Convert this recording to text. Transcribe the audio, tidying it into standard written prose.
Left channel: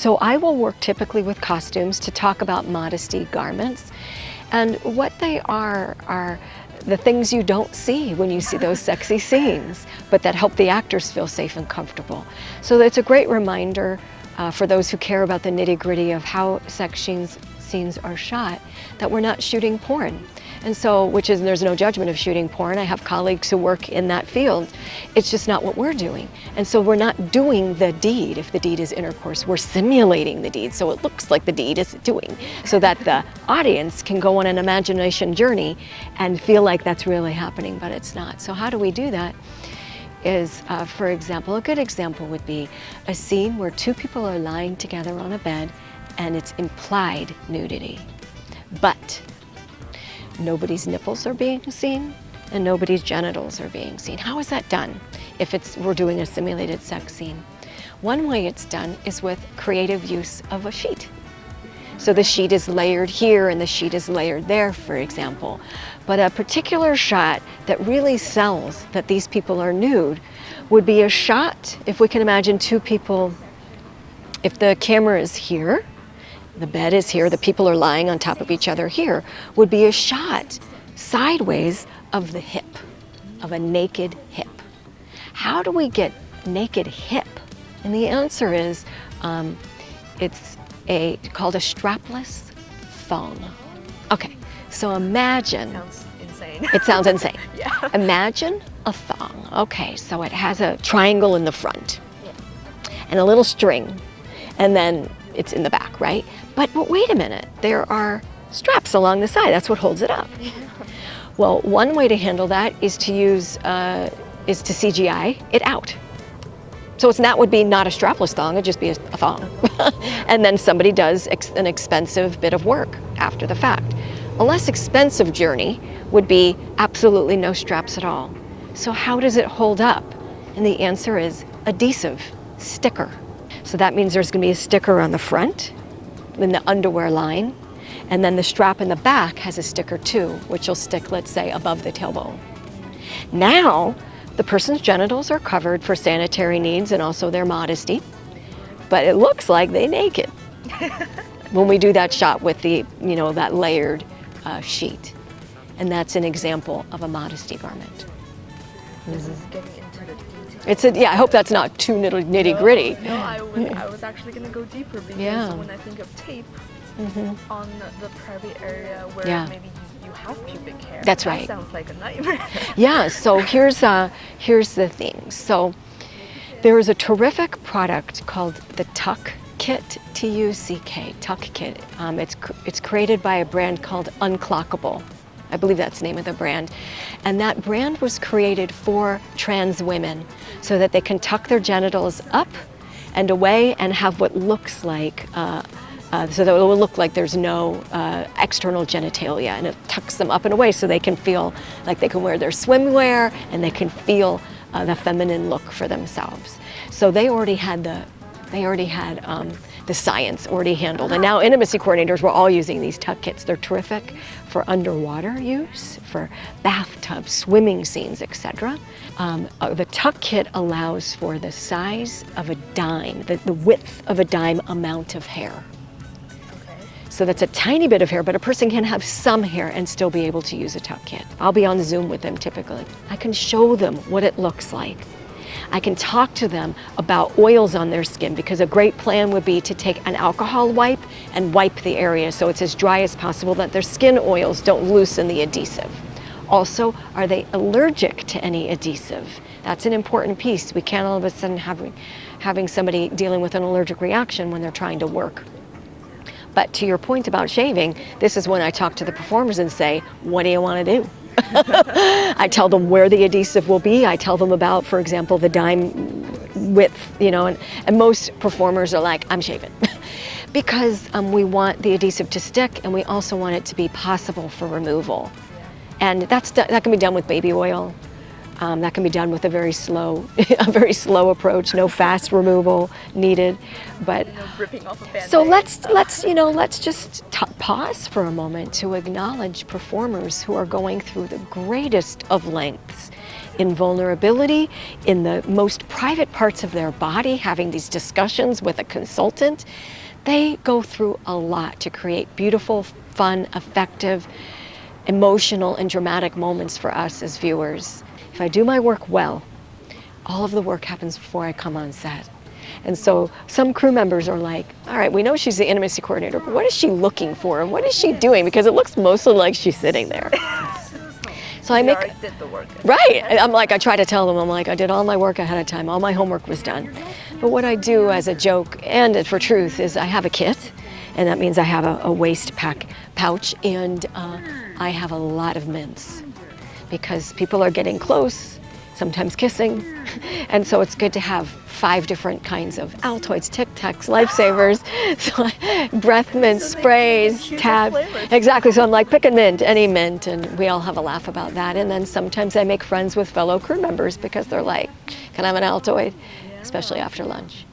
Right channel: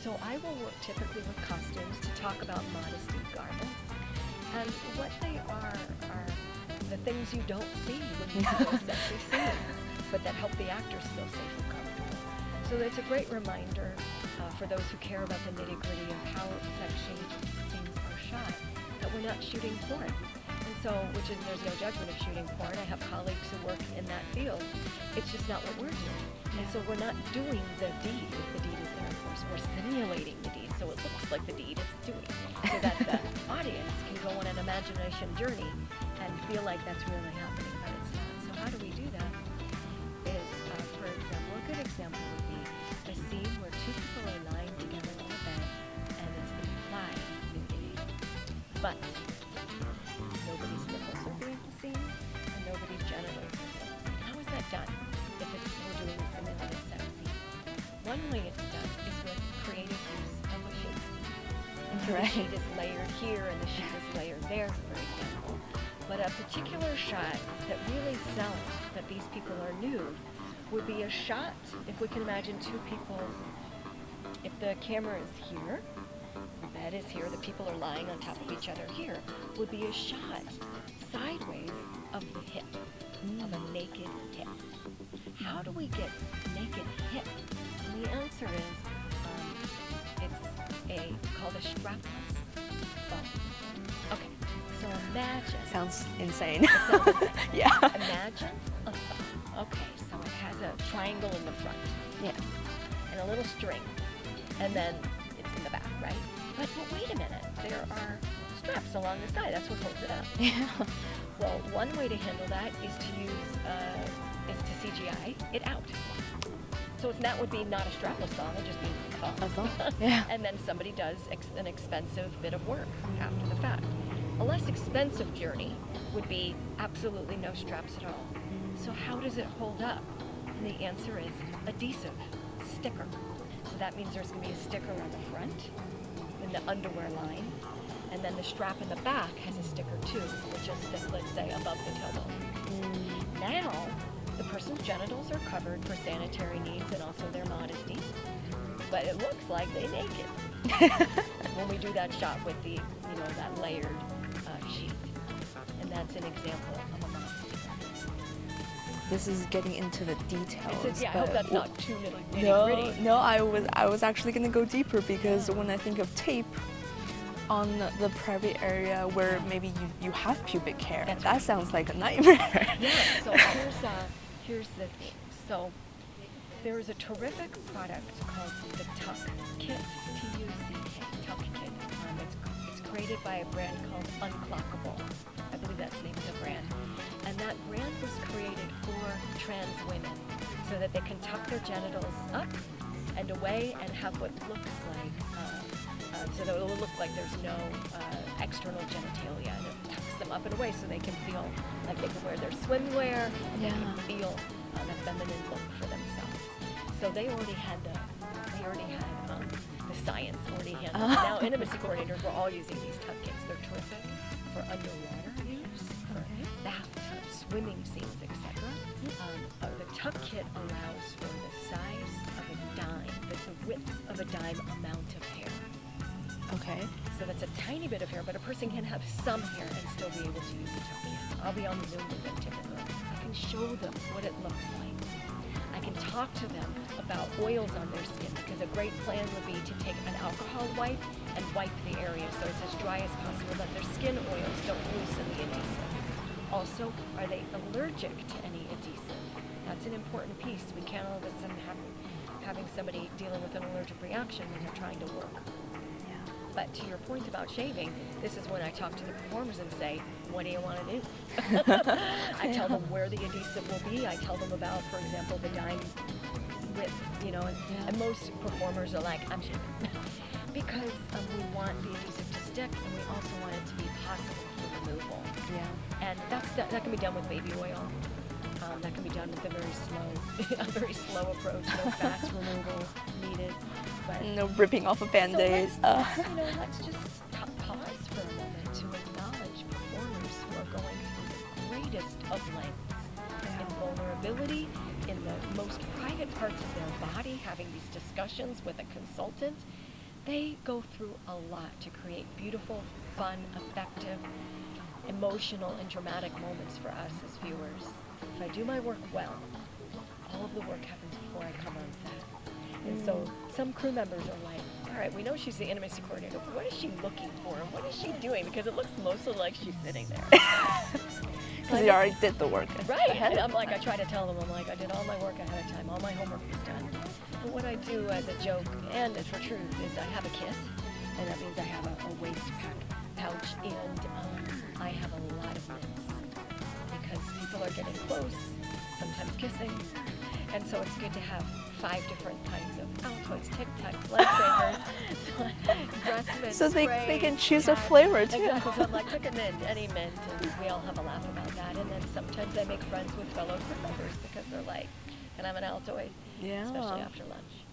So I will work typically with costumes to talk about modesty garments. And what they are the things you don't see when you see those sexy scenes, but that help the actors feel safe and comfortable. So it's a great reminder for those who care about the nitty-gritty of how sex scenes are shot, that we're not shooting porn. And so, there's no judgment of shooting porn. I have colleagues who work in that field. It's just not what we're doing. And so we're not doing the deed. If the deed is intercourse, we're simulating the deed. So it looks like the deed is doing, so that the audience can go on an imagination journey and feel like that's really happening, but it's not. So how do we do that? Is, for example, a good example would be a scene where two people are lying together on a bed and it's implied nudity. But nobody's nipples are being seen and nobody's genitals are being seen. How is that done if we're doing a simulated sex scene? One way it's done is with creative use of a sheet. So the sheet is layered here and the sheet is layered there, for example. But a particular shot that really sells that these people are nude would be a shot, if we can imagine two people, if the camera is here, the bed is here, the people are lying on top of each other here, would be a shot sideways of the hip, of a naked hip. How do we get naked hip? And the answer is, it's called a strapless thong. Okay, so imagine. Sounds insane. It sounds insane. Yeah. Imagine a thong. Okay, so it has a triangle in the front and a little string, and then it's in the back, right? But wait a minute, there are straps along the side. That's what holds it up. Well, one way to handle that is to use, is to CGI it out. So that would be not a strapless thong, it'd just be a thong. And then somebody does an expensive bit of work after the fact. A less expensive journey would be absolutely no straps at all. So how does it hold up? And the answer is adhesive, sticker. So that means there's gonna be a sticker on the front, in the underwear line, and then the strap in the back has a sticker too, which will stick, let's say, above the tailbone. Now, the person's genitals are covered for sanitary needs and also their modesty, but it looks like they're naked when we do that shot with the, that layered sheet. And that's an example of a modesty garment. This is getting into the details. I hope that's not too nitty-gritty. No, I was actually going to go deeper because when I think of tape on the private area where maybe you have pubic hair, that's right. That sounds like a nightmare. Yeah, so here's the thing. So there is a terrific product called the Tuck Kit, T-U-C-K, Tuck Kit. It's created by a brand called Unclockable. I believe that's the name of the brand. And that brand was created for trans women so that they can tuck their genitals up and away and have what looks like, so that it will look like there's no external genitalia, and it tucks them up and away so they can feel like they can wear their swimwear and they can feel the feminine look for themselves. So they already had the science already handled. And now intimacy coordinators were all using these tuck kits. They're terrific for underwater use, for bathtubs, swimming scenes, etc. The tuck kit allows for the size of a dime, the width of a dime amount of hair. Okay. So that's a tiny bit of hair, but a person can have some hair and still be able to use a tuck kit. I'll be on Zoom with them typically. I can show them what it looks like. I can talk to them about oils on their skin, because a great plan would be to take an alcohol wipe and wipe the area so it's as dry as possible, that their skin oils don't loosen the adhesive. Also, are they allergic to any adhesive? That's an important piece. We can't all of a sudden having somebody dealing with an allergic reaction when they're trying to work. But to your point about shaving, this is when I talk to the performers and say, what do you want to do? I tell them where the adhesive will be. I tell them about, for example, the dime width, and most performers are like, I'm shaving. Because we want the adhesive to stick, and we also want it to be possible for removal. And that can be done with baby oil. That can be done with a very slow approach. No fast removal needed, but no ripping off a Band-Aid. So let's just pause for a moment to acknowledge performers who are going through the greatest of lengths in vulnerability, in the most private parts of their body, having these discussions with a consultant. They go through a lot to create beautiful, fun, effective, emotional, and dramatic moments for us as viewers. If I do my work well, all of the work happens before I come on set. And so some crew members are like, all right, we know she's the intimacy coordinator, but what is she looking for? And what is she doing? Because it looks mostly like she's sitting there. So I did the work. Right. I'm like, I try to tell them, I'm like, I did all my work ahead of time. All my homework was done. But what I do as a joke and for truth is I have a kit, and that means I have a waist pouch, and I have a lot of mints because people are getting close, sometimes kissing, and so it's good to have 5 different kinds of Altoids, Tic Tacs, Lifesavers, so, breath mint, so sprays, tab. Exactly. So I'm like, pick a mint, any mint, and we all have a laugh about that. And then sometimes I make friends with fellow crew members because they're like, can I have an Altoid? Yeah. Especially after lunch.